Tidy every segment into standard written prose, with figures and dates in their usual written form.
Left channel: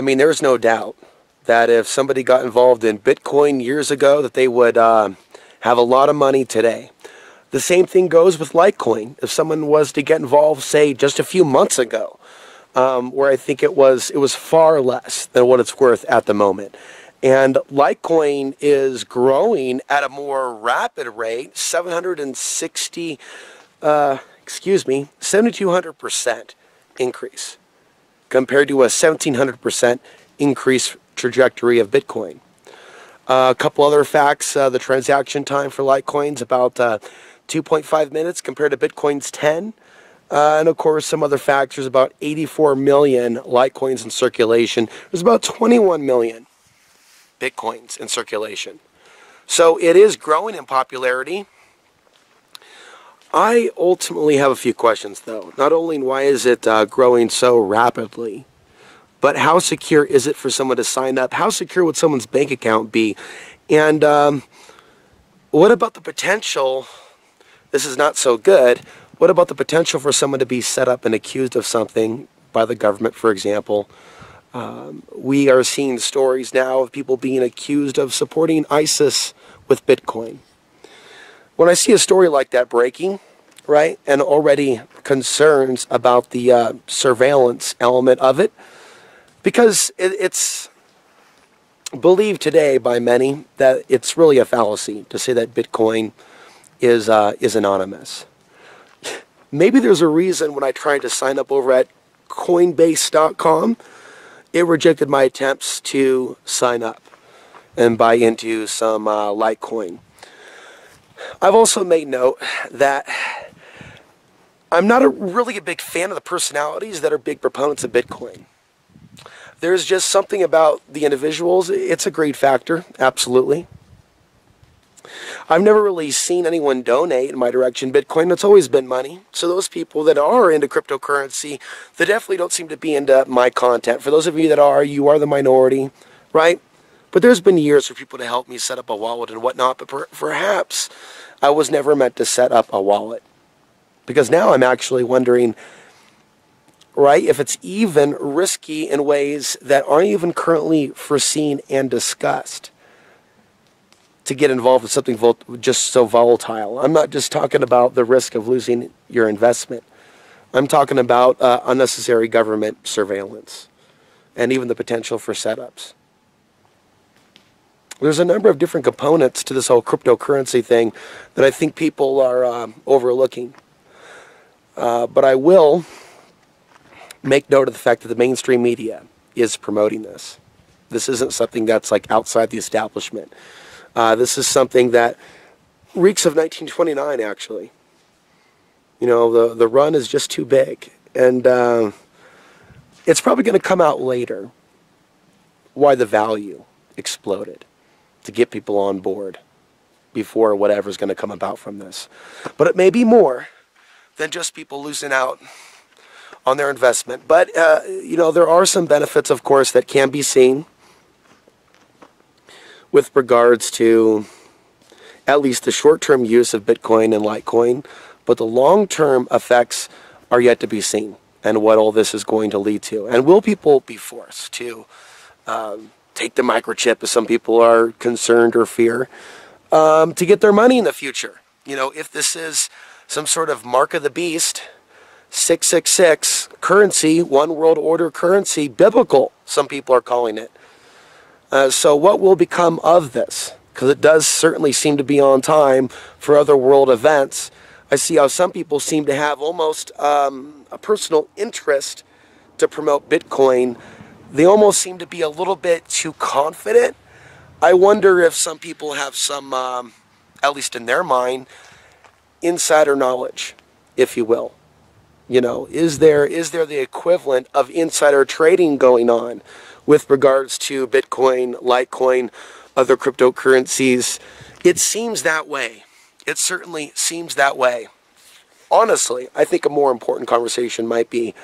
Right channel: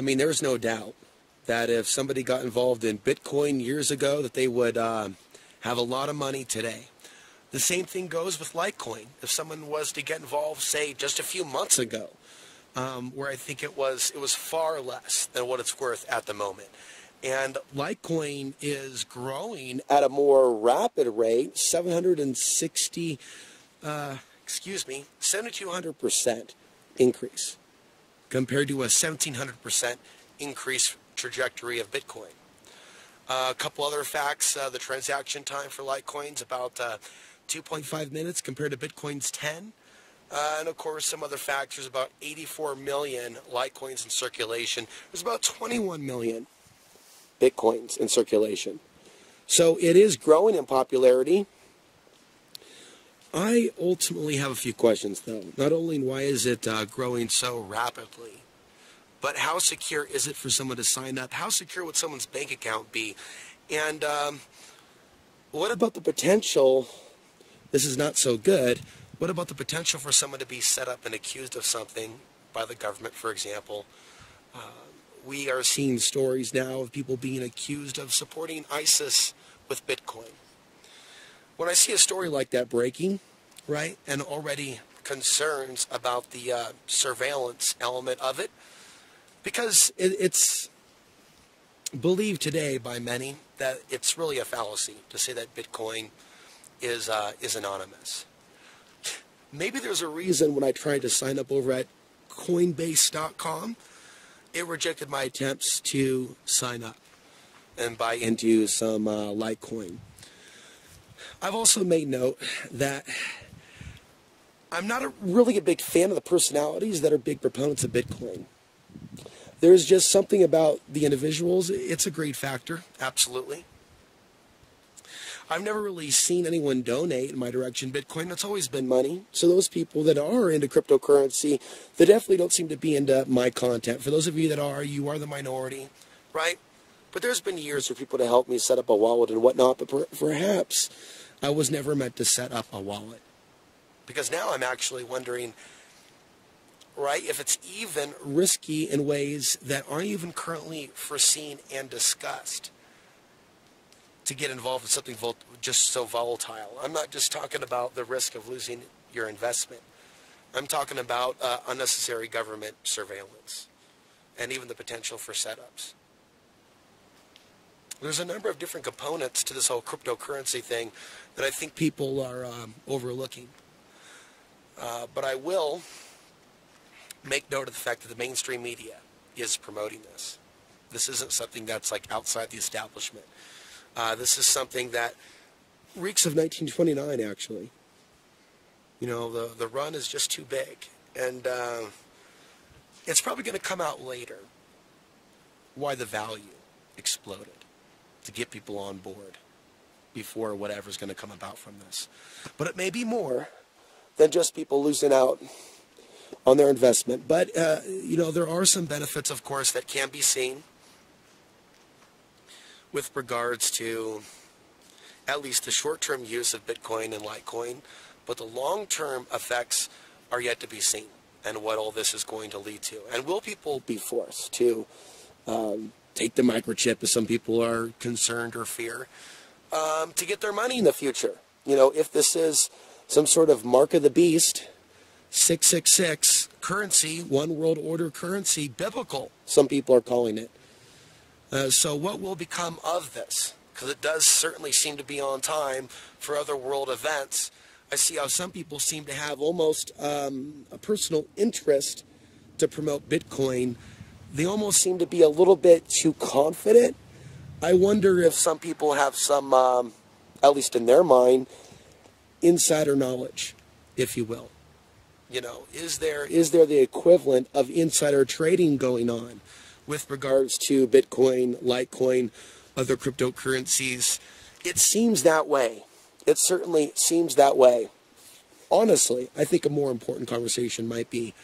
I mean, there's no doubt that if somebody got involved in Bitcoin years ago, that they would have a lot of money today. The same thing goes with Litecoin. If someone was to get involved, say, just a few months ago, where I think it was far less than what it's worth at the moment. And Litecoin is growing at a more rapid rate, 7,200% increase compared to a 1,700% increase trajectory of Bitcoin. A couple other facts, the transaction time for Litecoin's about 2.5 minutes compared to Bitcoin's 10. And of course, some other facts, there's about 84 million Litecoins in circulation. There's about 21 million Bitcoins in circulation. So it is growing in popularity. I ultimately have a few questions, though. Not only why is it growing so rapidly, but how secure is it for someone to sign up? How secure would someone's bank account be? And what about the potential, this is not so good, what about the potential for someone to be set up and accused of something by the government, for example? We are seeing stories now of people being accused of supporting ISIS with Bitcoin. When I see a story like that breaking, right, and already concerns about the surveillance element of it, because it's believed today by many that it's really a fallacy to say that Bitcoin is anonymous. Maybe there's a reason when I tried to sign up over at Coinbase.com, it rejected my attempts to sign up and buy into some Litecoin. I've also made note that I'm not really a big fan of the personalities that are big proponents of Bitcoin. There's just something about the individuals. It's a great factor, absolutely. I've never really seen anyone donate in my direction Bitcoin. It's always been money. So those people that are into cryptocurrency, they definitely don't seem to be into my content. For those of you that are, you are the minority, right? But there's been years for people to help me set up a wallet and whatnot, but perhaps I was never meant to set up a wallet. Because now I'm actually wondering, right, if it's even risky in ways that aren't even currently foreseen and discussed to get involved with something just so volatile. I'm not just talking about the risk of losing your investment. I'm talking about unnecessary government surveillance and even the potential for setups. There's a number of different components to this whole cryptocurrency thing that I think people are overlooking. But I will make note of the fact that the mainstream media is promoting this. This isn't something that's like outside the establishment. This is something that reeks of 1929, actually. You know, the run is just too big. And it's probably going to come out later why the value exploded to get people on board before whatever's going to come about from this. But it may be more than just people losing out on their investment. But, you know, there are some benefits, of course, that can be seen with regards to at least the short-term use of Bitcoin and Litecoin, but the long-term effects are yet to be seen and what all this is going to lead to. And will people be forced to take the microchip, as some people are concerned or fear, to get their money in the future? You know, if this is some sort of mark of the beast, 666 currency, one world order currency, biblical, some people are calling it. So what will become of this? Because it does certainly seem to be on time for other world events. I see how some people seem to have almost a personal interest to promote Bitcoin. They almost seem to be a little bit too confident. I wonder if some people have some, at least in their mind, insider knowledge, if you will. You know, is there the equivalent of insider trading going on with regards to Bitcoin, Litecoin, other cryptocurrencies? It seems that way. It certainly seems that way. Honestly, I think a more important conversation might be,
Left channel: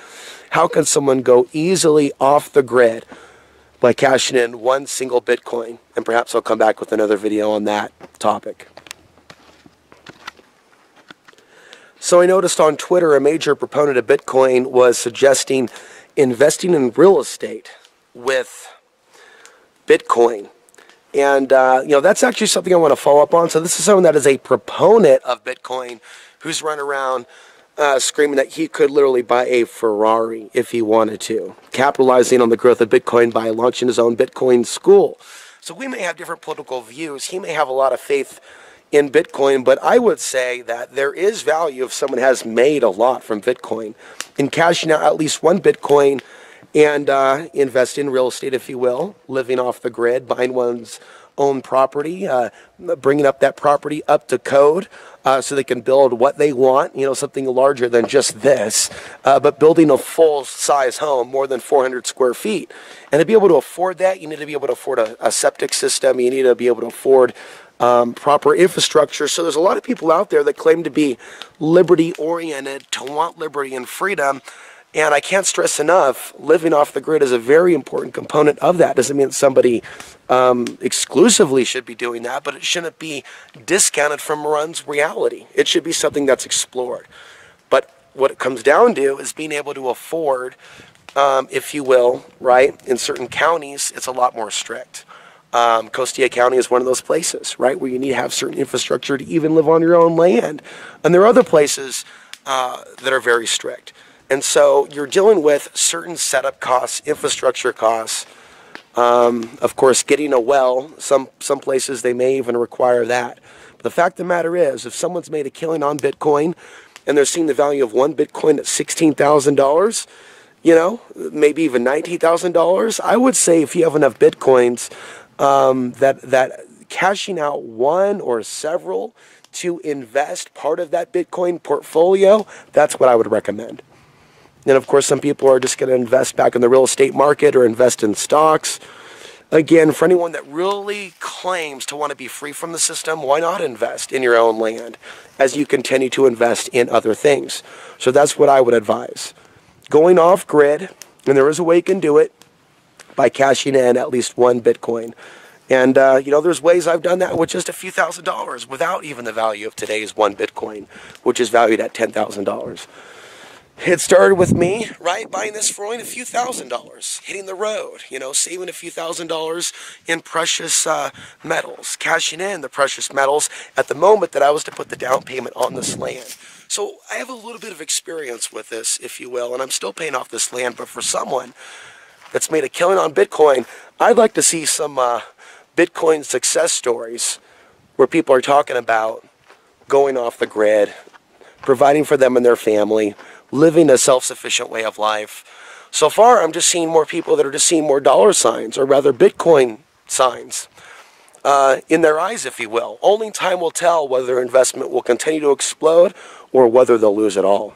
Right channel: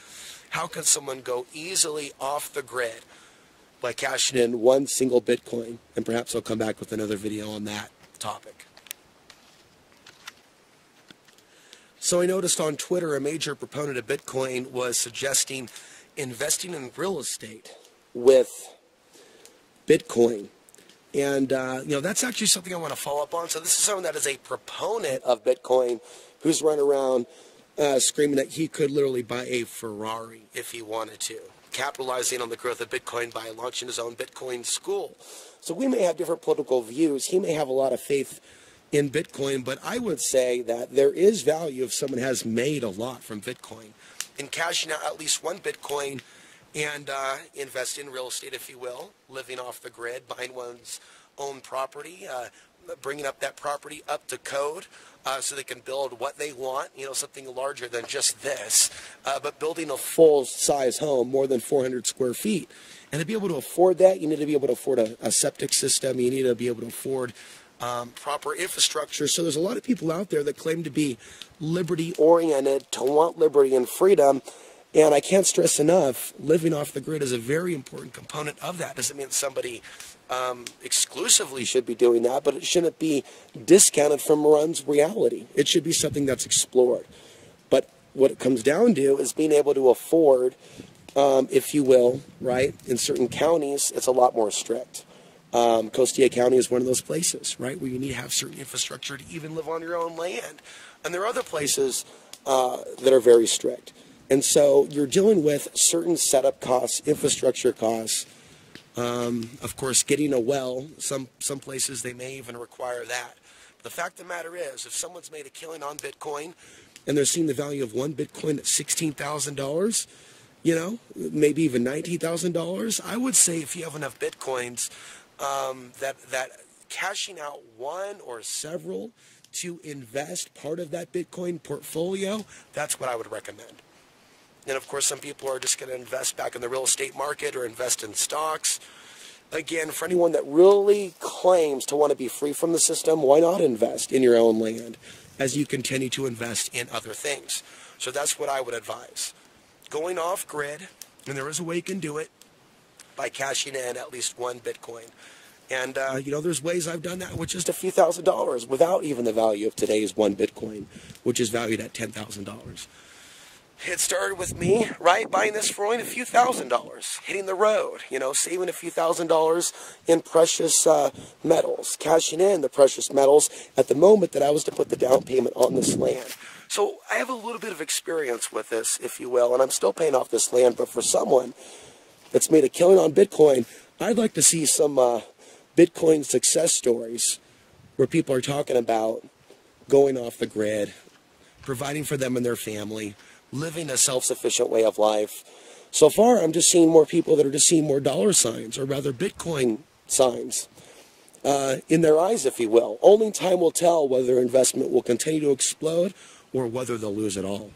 how can someone go easily off the grid by cashing in one single Bitcoin? And perhaps I'll come back with another video on that topic. So I noticed on Twitter a major proponent of Bitcoin was suggesting investing in real estate with Bitcoin. And, that's actually something I want to follow up on. So this is someone that is a proponent of Bitcoin who's run around screaming that he could literally buy a Ferrari if he wanted to, capitalizing on the growth of Bitcoin by launching his own Bitcoin school. So we may have different political views. He may have a lot of faith in Bitcoin, but I would say that there is value if someone has made a lot from Bitcoin in cashing out at least one Bitcoin and invest in real estate, if you will, living off the grid, buying one's own property, bringing up that property up to code so they can build what they want, something larger than just this, but building a full-size home, more than 400 square feet. And to be able to afford that, you need to be able to afford a septic system. You need to be able to afford proper infrastructure. So there's a lot of people out there that claim to be liberty-oriented, to want liberty and freedom. And I can't stress enough, living off the grid is a very important component of that. Doesn't mean somebody exclusively should be doing that, but it shouldn't be discounted from one's reality. It should be something that's explored. But what it comes down to is being able to afford, if you will, right? In certain counties, it's a lot more strict. Costilla County is one of those places, right, where you need to have certain infrastructure to even live on your own land. And there are other places that are very strict. And so you're dealing with certain setup costs, infrastructure costs. Of course, getting a well, some places they may even require that. But the fact of the matter is, if someone's made a killing on Bitcoin and they're seeing the value of one Bitcoin at $16,000, maybe even $19,000, I would say if you have enough Bitcoins, that cashing out one or several to invest part of that Bitcoin portfolio, that's what I would recommend. And of course, some people are just going to invest back in the real estate market or invest in stocks. Again, for anyone that really claims to want to be free from the system, why not invest in your own land as you continue to invest in other things? So that's what I would advise. Going off grid, and there is a way you can do it, by cashing in at least one Bitcoin. And, there's ways I've done that with just a few $1,000s without even the value of today's one Bitcoin, which is valued at $10,000. It started with me, right, buying this for only a few $1,000s, hitting the road, saving a few $1,000s in precious metals, cashing in the precious metals at the moment that I was to put the down payment on this land. So I have a little bit of experience with this, if you will, and I'm still paying off this land. But for someone that's made a killing on Bitcoin, I'd like to see some Bitcoin success stories where people are talking about going off the grid, providing for them and their family, living a self-sufficient way of life. So far, I'm just seeing more people that are just seeing more dollar signs, or rather Bitcoin signs, in their eyes, if you will. Only time will tell whether their investment will continue to explode or whether they'll lose it all.